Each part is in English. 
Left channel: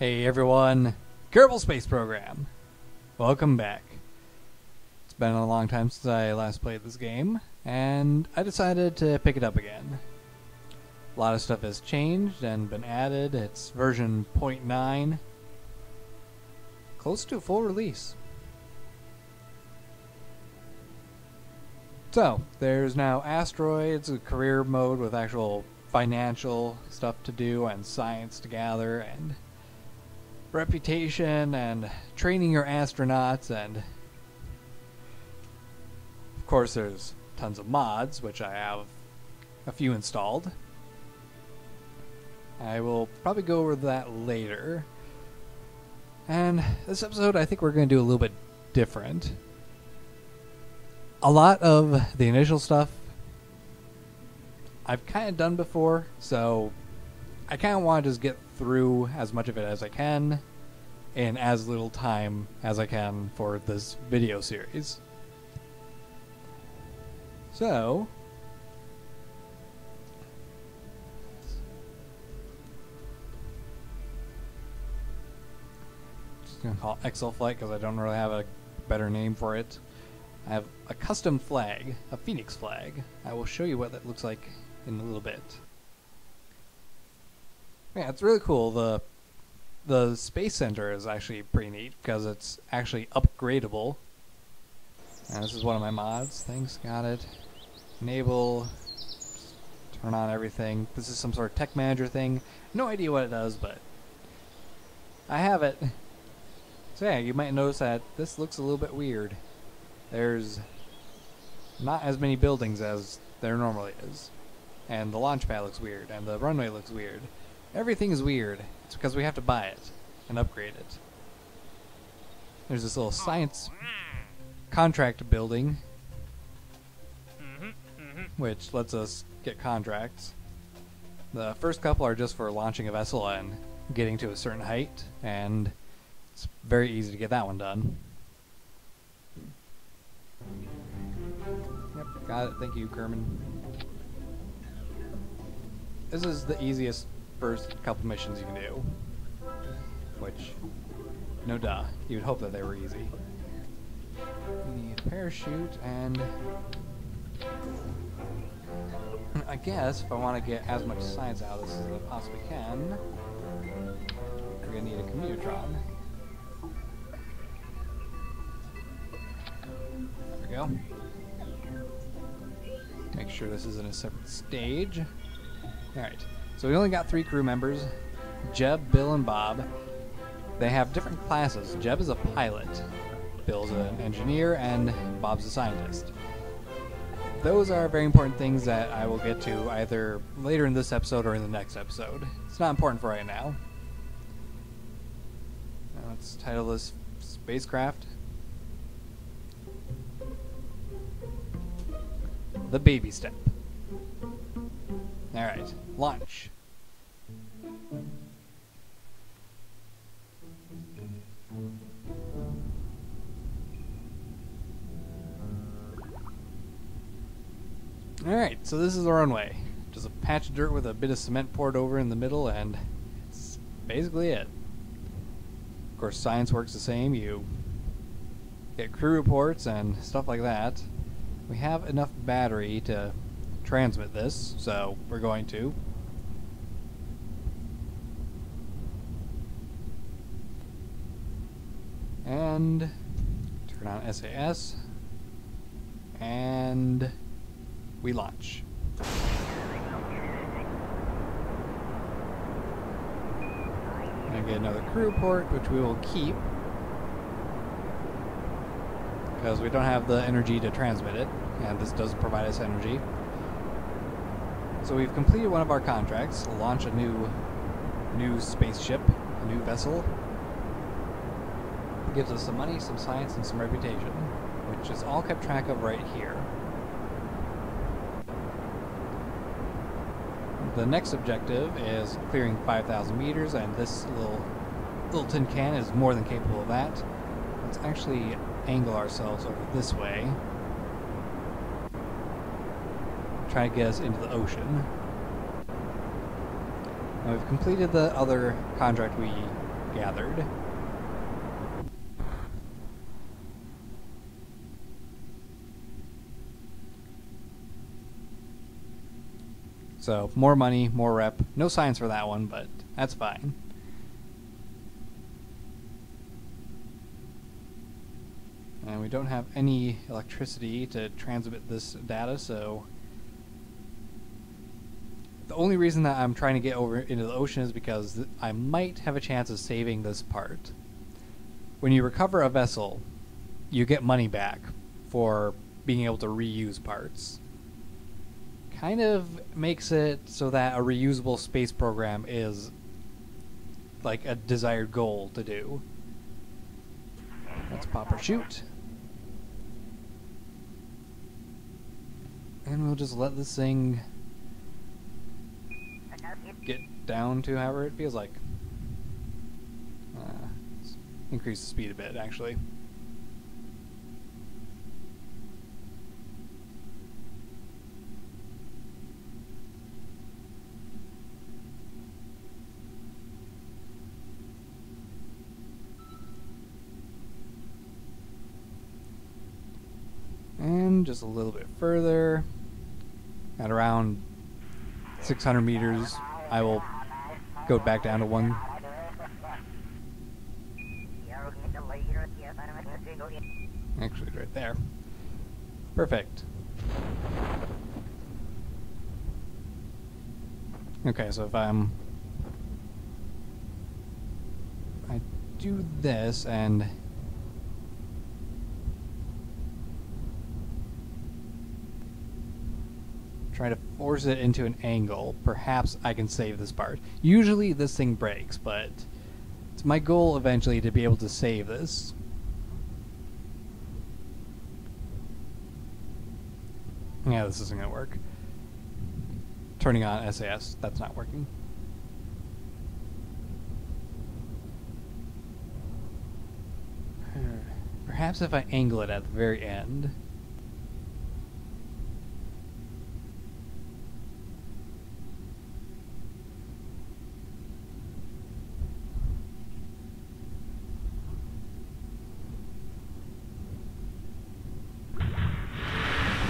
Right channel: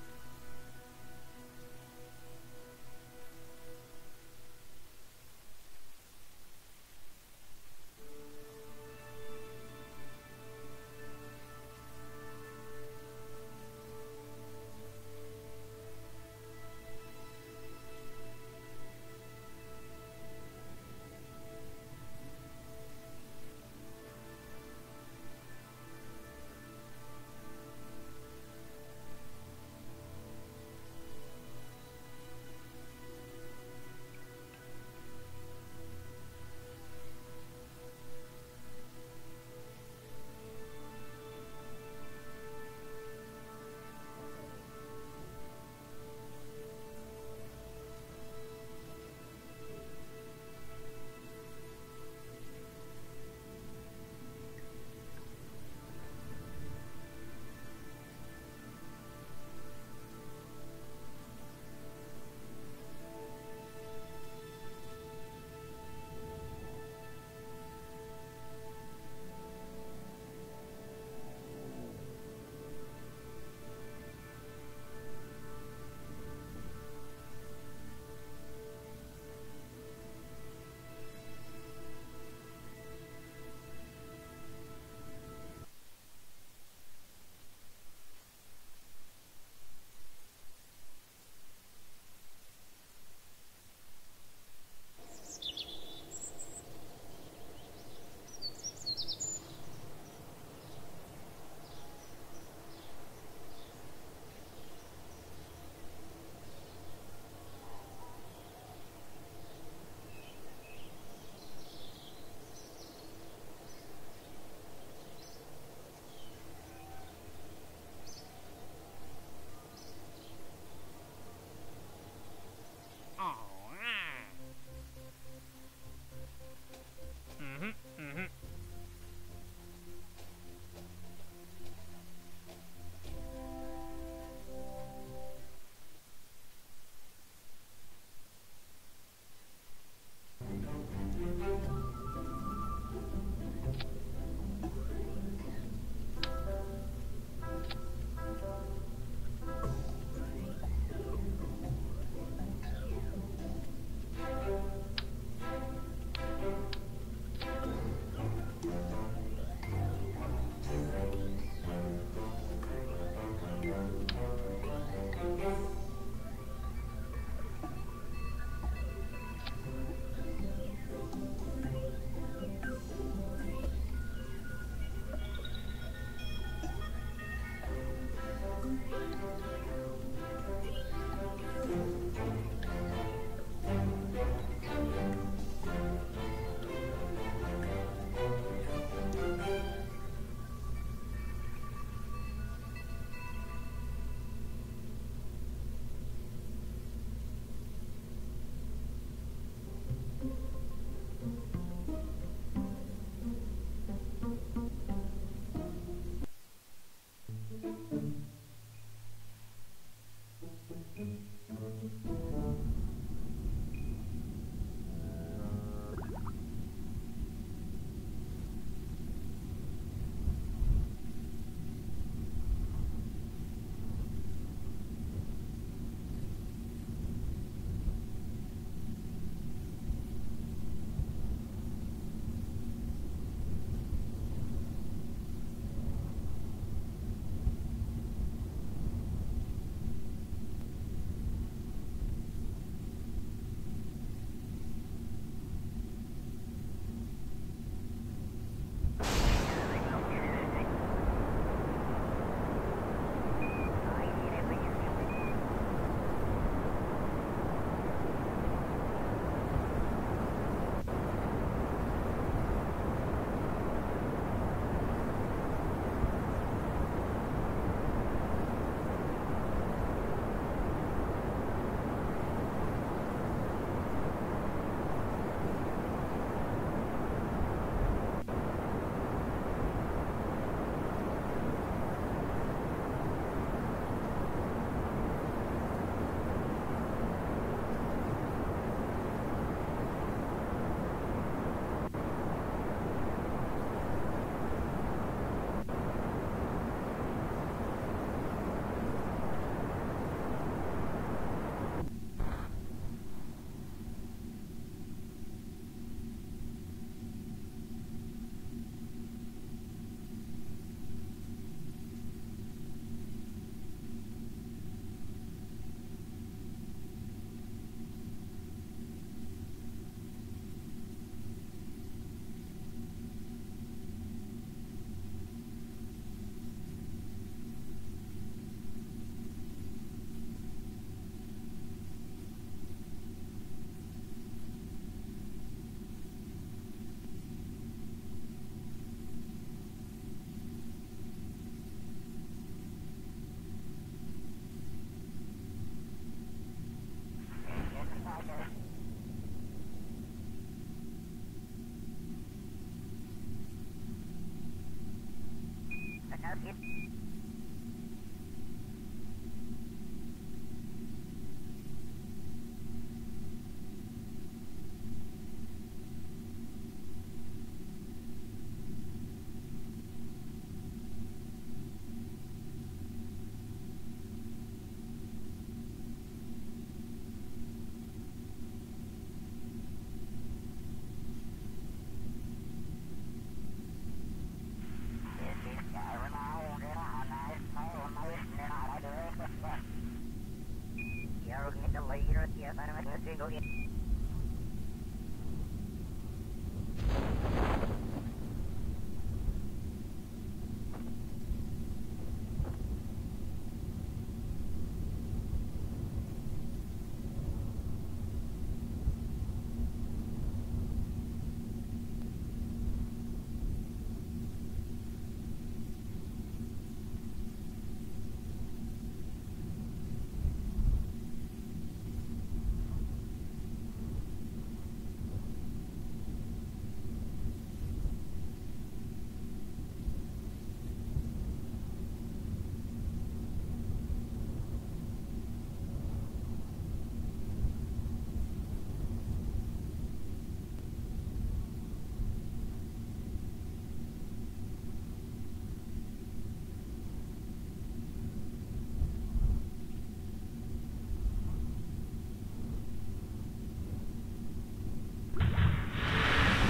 Hey everyone, Kerbal Space Program. Welcome back. It's been a long time since I last played this game, and I decided to pick it up again. A lot of stuff has changed and been added. It's version 0.9, close to full release. So, there's now asteroids, a career mode with actual financial stuff to do and science to gather and reputation and training your astronauts, and of course there's tons of mods, which I have a few installed. I will probably go over that later. And this episode I think we're going to do a little bit different. A lot of the initial stuff I've kind of done before, so I kind of want to just get through as much of it as I can in as little time as I can for this video series. So, just going to call it Exel flight because I don't really have a better name for it. I have a custom flag, a Phoenix flag. I will show you what that looks like in a little bit. Yeah, it's really cool. The Space Center is actually pretty neat because it's actually upgradable. And this is one of my mods. Thanks, got it. Enable, turn on everything. This is some sort of tech manager thing. No idea what it does, but I have it. So yeah, you might notice that this looks a little bit weird. There's not as many buildings as there normally is. And the launch pad looks weird, and the runway looks weird. Everything is weird. It's because we have to buy it and upgrade it. There's this little science contract building, which lets us get contracts. The first couple are just for launching a vessel and getting to a certain height, and it's very easy to get that one done. Yep, got it. Thank you, Kerman. This is the easiest first couple missions you can do, which, no duh, you would hope that they were easy. The parachute, and I guess if I want to get as much science out of this as I possibly can, we're going to need a commutron. There we go. Make sure this is in a separate stage. Alright. So we only got 3 crew members, Jeb, Bill, and Bob. They have different classes. Jeb is a pilot, Bill's an engineer, and Bob's a scientist. Those are very important things that I will get to either later in this episode or in the next episode. It's not important for right now. Now let's title this spacecraft The Baby Step. Alright, launch. Alright, so this is the runway. Just a patch of dirt with a bit of cement poured over in the middle, and it's basically it. Of course, science works the same. You get crew reports and stuff like that. We have enough battery to transmit this, so we're going to. And turn on SAS, and we launch. I get another crew report, which we will keep because we don't have the energy to transmit it, and this does provide us energy. So we've completed one of our contracts, launch a new spaceship, a new vessel. It gives us some money, some science, and some reputation, which is all kept track of right here. The next objective is clearing 5,000 meters, and this little tin can is more than capable of that. Let's actually angle ourselves over this way. Try to get us into the ocean. Now we've completed the other contract we gathered. So, more money, more rep. No science for that one, but that's fine. And we don't have any electricity to transmit this data, so the only reason that I'm trying to get over into the ocean is because I might have a chance of saving this part. When you recover a vessel, you get money back for being able to reuse parts. Kind of makes it so that a reusable space program is like a desired goal to do. Let's pop or shoot. And we'll just let this thing get down to however it feels like. Let's increase the speed a bit, actually. And just a little bit further. At around 600 meters, I will go back down to 1. Actually, it's right there. Perfect. Okay, so if I do this and try to force it into an angle, perhaps I can save this part. Usually this thing breaks, but it's my goal eventually to be able to save this. Yeah, this isn't going to work. Turning on SAS, that's not working. Perhaps if I angle it at the very end.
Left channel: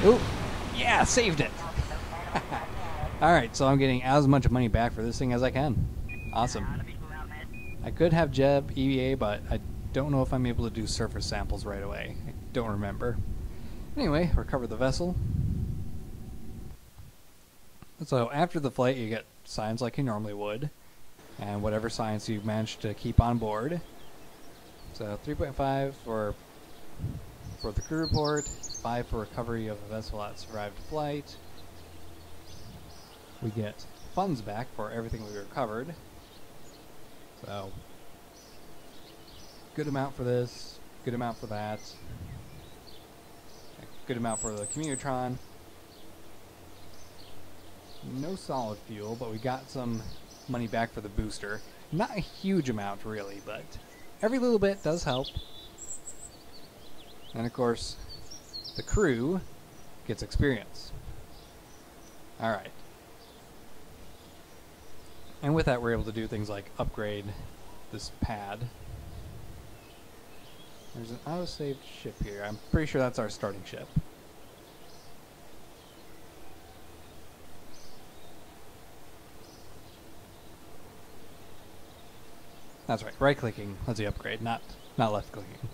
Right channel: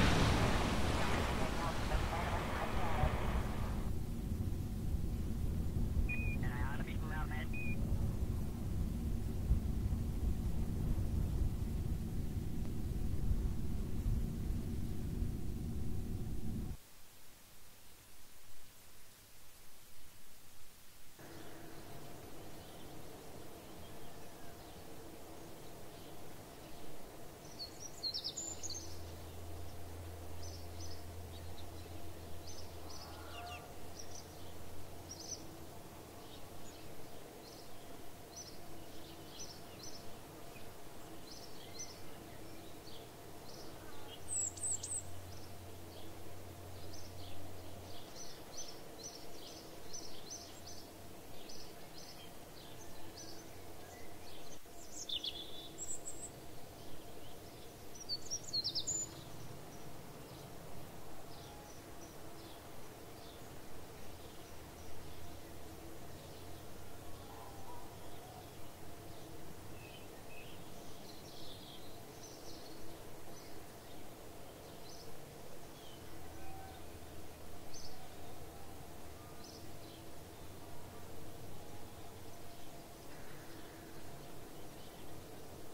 Oh, yeah, saved it. Alright, so I'm getting as much money back for this thing as I can. Awesome. I could have Jeb, EVA, but I don't know if I'm able to do surface samples right away. I don't remember. Anyway, recover the vessel. So after the flight, you get science like you normally would, and whatever science you've managed to keep on board. So 3.5 for the crew report, 5 for recovery of a vessel that survived flight. We get funds back for everything we recovered. So, good amount for this, good amount for that, good amount for the Commutron. No solid fuel, but we got some money back for the booster. Not a huge amount, really, but every little bit does help. And of course, the crew gets experience. Alright. And with that, we're able to do things like upgrade this pad. There's an autosave ship here. I'm pretty sure that's our starting ship. That's right, right-clicking. That's the upgrade, not left-clicking.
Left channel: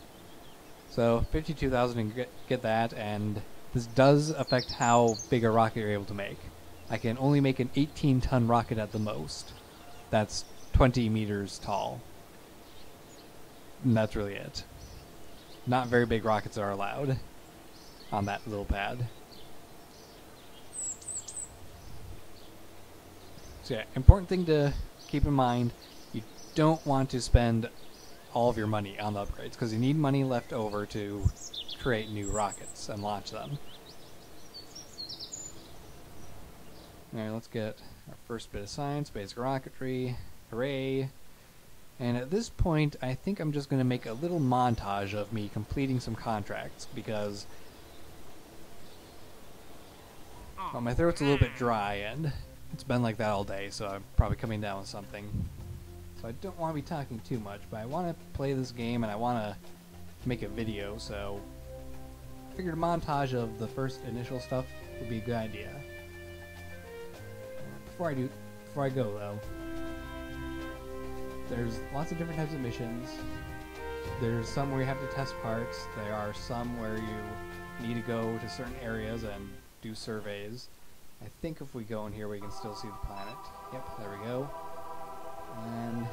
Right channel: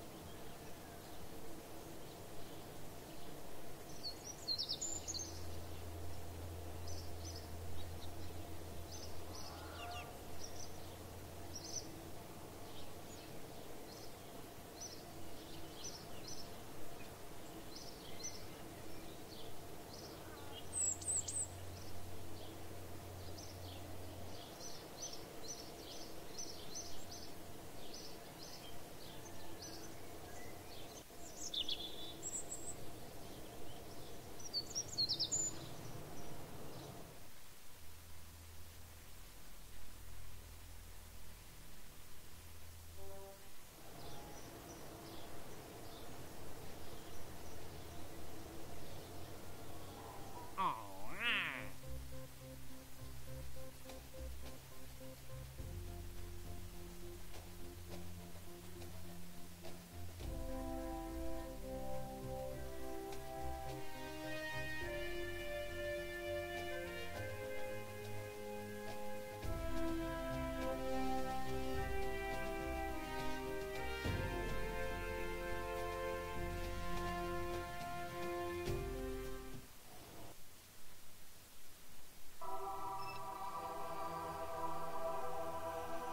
So 52,000 and get that, and this does affect how big a rocket you're able to make. I can only make an 18-ton rocket at the most. That's 20 meters tall. And that's really it. Not very big rockets are allowed on that little pad. So yeah, important thing to keep in mind, you don't want to spend all of your money on the upgrades, because you need money left over to create new rockets and launch them. Alright, let's get our first bit of science, basic rocketry, hooray. And at this point, I think I'm just going to make a little montage of me completing some contracts, because well, my throat's a little bit dry, and it's been like that all day, so I'm probably coming down with something. so I don't want to be talking too much, but I want to play this game and I want to make a video, so I figured a montage of the first initial stuff would be a good idea. Before I go though, there's lots of different types of missions. There's some where you have to test parts. There are some where you need to go to certain areas and do surveys. I think if we go in here we can still see the planet. Yep, there we go. And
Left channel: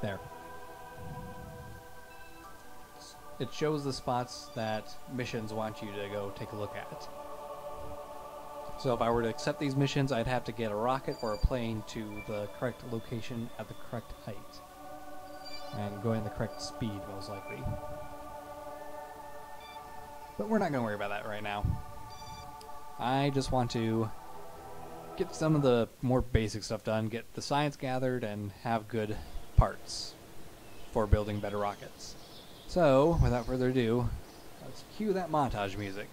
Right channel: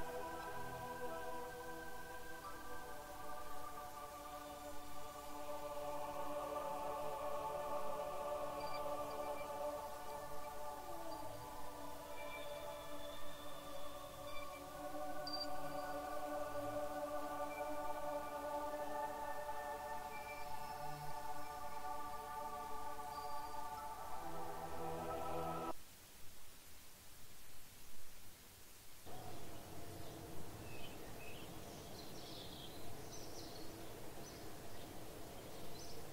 there. It shows the spots that missions want you to go take a look at. So if I were to accept these missions, I'd have to get a rocket or a plane to the correct location at the correct height. And going the correct speed, most likely. But we're not going to worry about that right now. I just want to get some of the more basic stuff done, get the science gathered, and have good parts for building better rockets. So, without further ado, let's cue that montage music.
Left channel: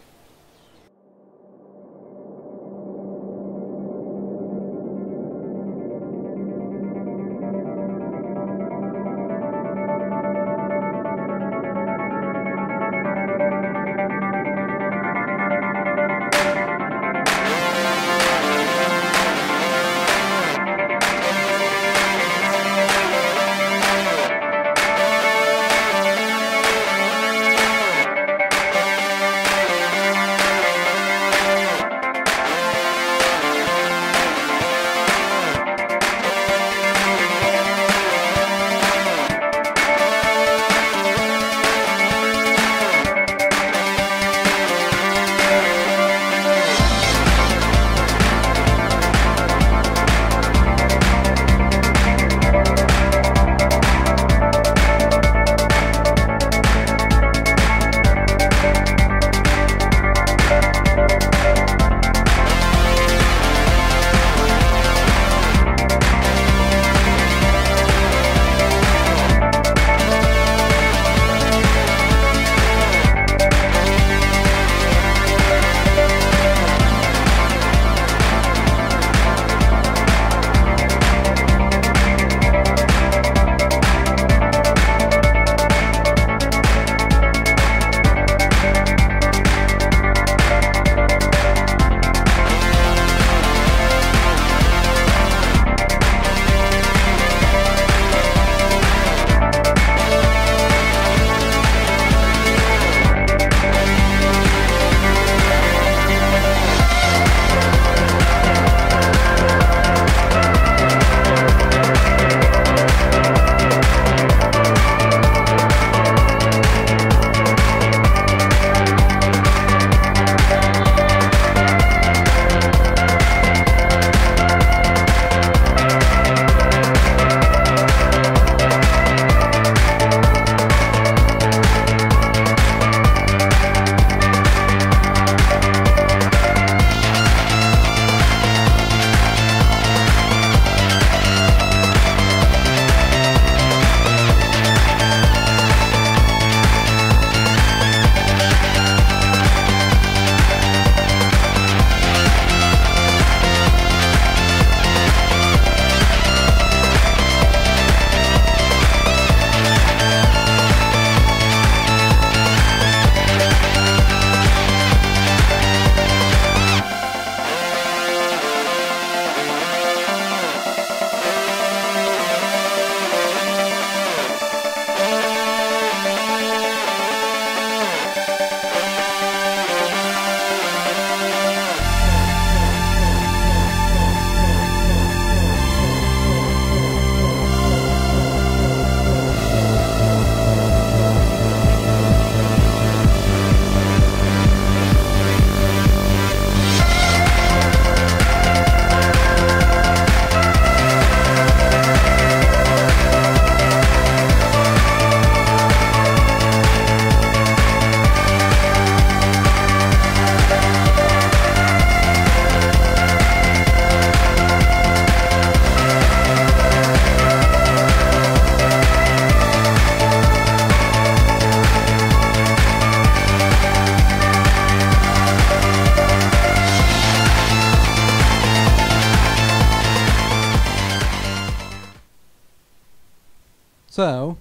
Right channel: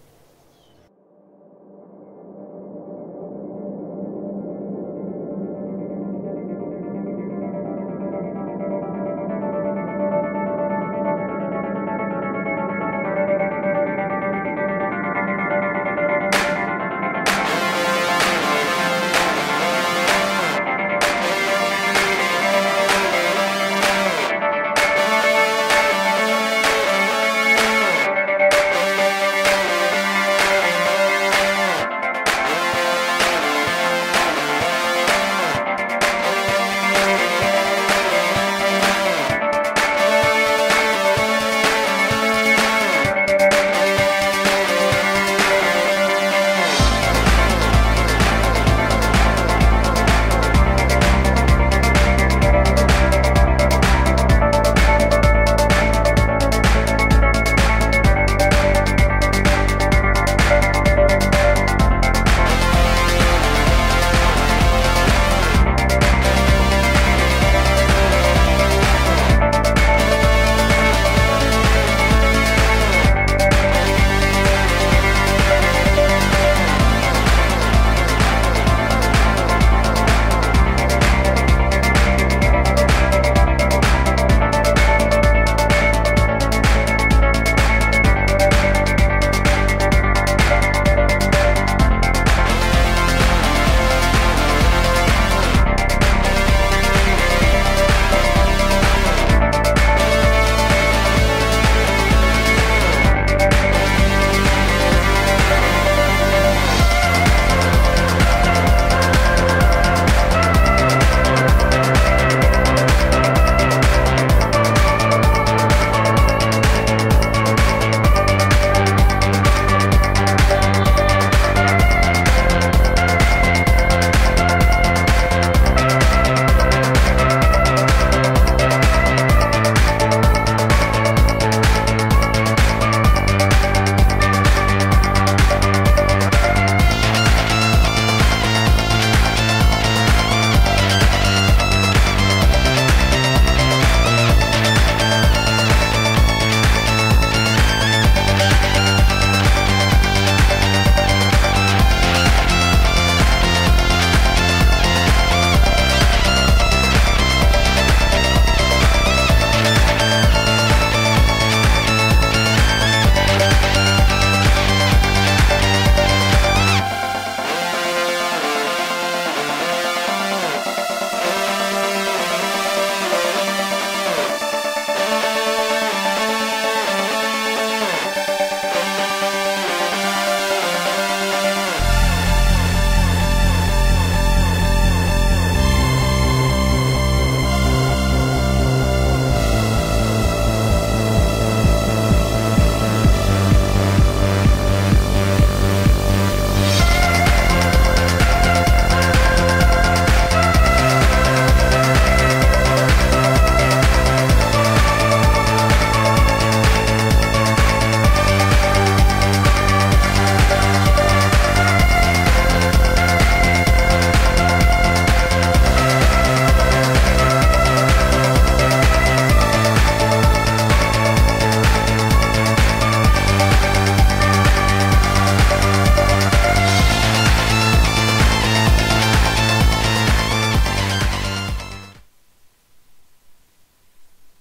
So,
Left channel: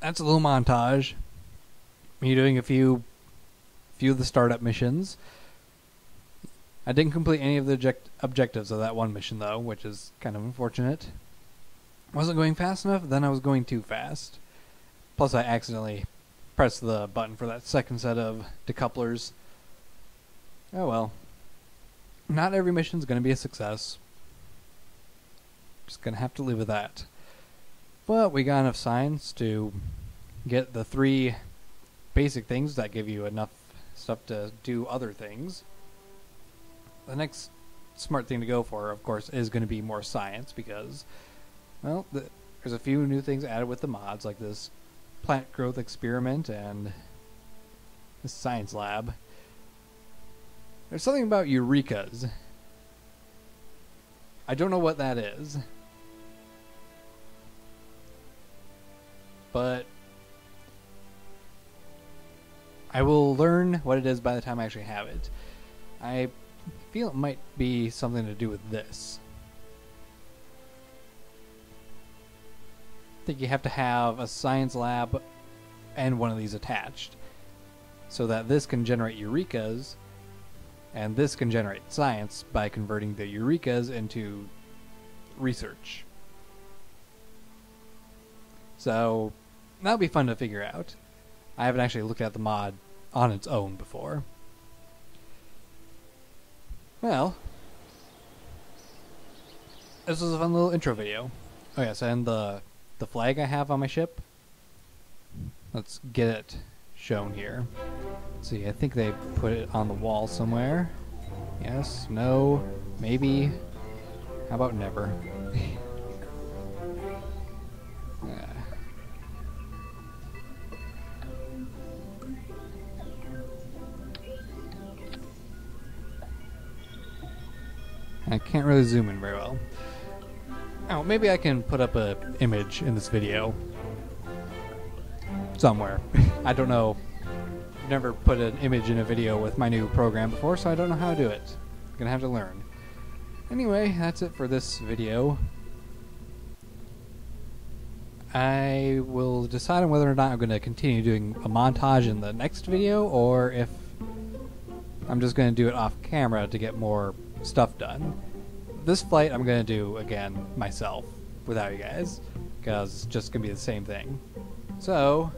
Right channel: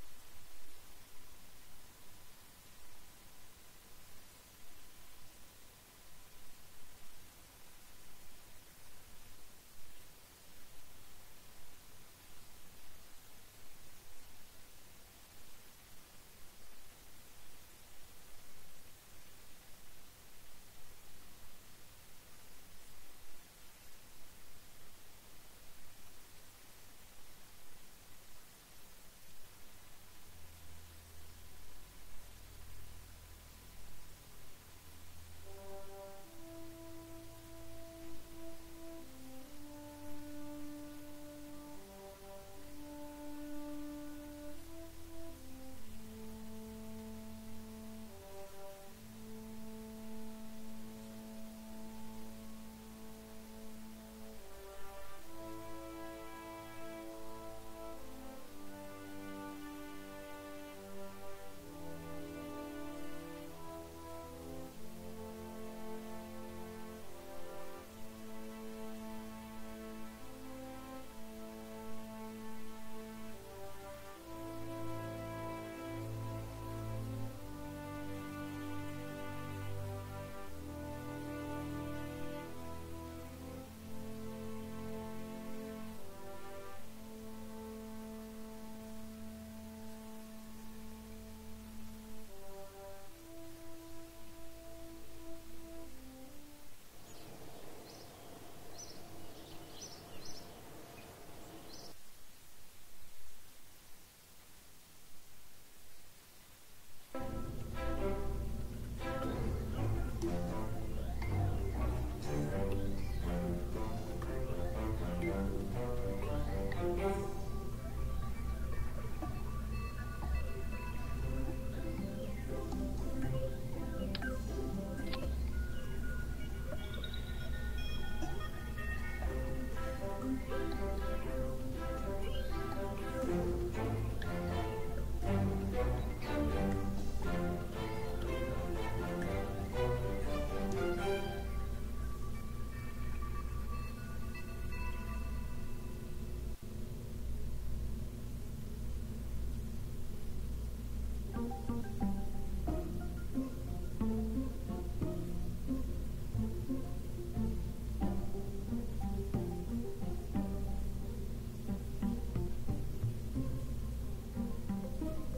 that's a little montage. Me doing a few of the startup missions. I didn't complete any of the objectives of that one mission, though, which is kind of unfortunate. I wasn't going fast enough, then I was going too fast. Plus, I accidentally pressed the button for that second set of decouplers. Oh well. Not every mission is going to be a success. Just going to have to live with that. But we got enough science to get the 3 basic things that give you enough stuff to do other things. The next smart thing to go for, of course, is going to be more science because, well, there's a few new things added with the mods, like this plant growth experiment and this science lab. There's something about eurekas. I don't know what that is, but I will learn what it is by the time I actually have it. I feel it might be something to do with this. I think you have to have a science lab and one of these attached so that this can generate eurekas and this can generate science by converting the eurekas into research. So that'll be fun to figure out. I haven't actually looked at the mod on its own before. Well, this was a fun little intro video. Oh yes, and the flag I have on my ship, let's get it shown here. Let's see, I think they put it on the wall somewhere. Yes, no, maybe. How about never? I can't really zoom in very well. Oh, maybe I can put up an image in this video somewhere. I don't know. I've never put an image in a video with my new program before, so I don't know how to do it. I'm gonna have to learn. Anyway, that's it for this video. I will decide on whether or not I'm going to continue doing a montage in the next video, or if I'm just going to do it off camera to get more stuff done. This flight I'm going to do again myself without you guys, because it's just going to be the same thing. So,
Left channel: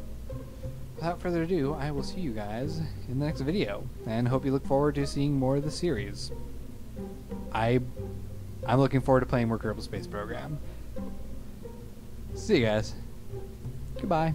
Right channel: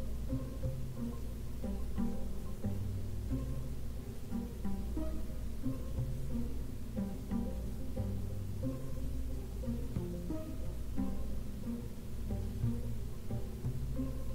without further ado, I will see you guys in the next video, and hope you look forward to seeing more of the series. I'm looking forward to playing more Kerbal Space Program. See you guys. Goodbye.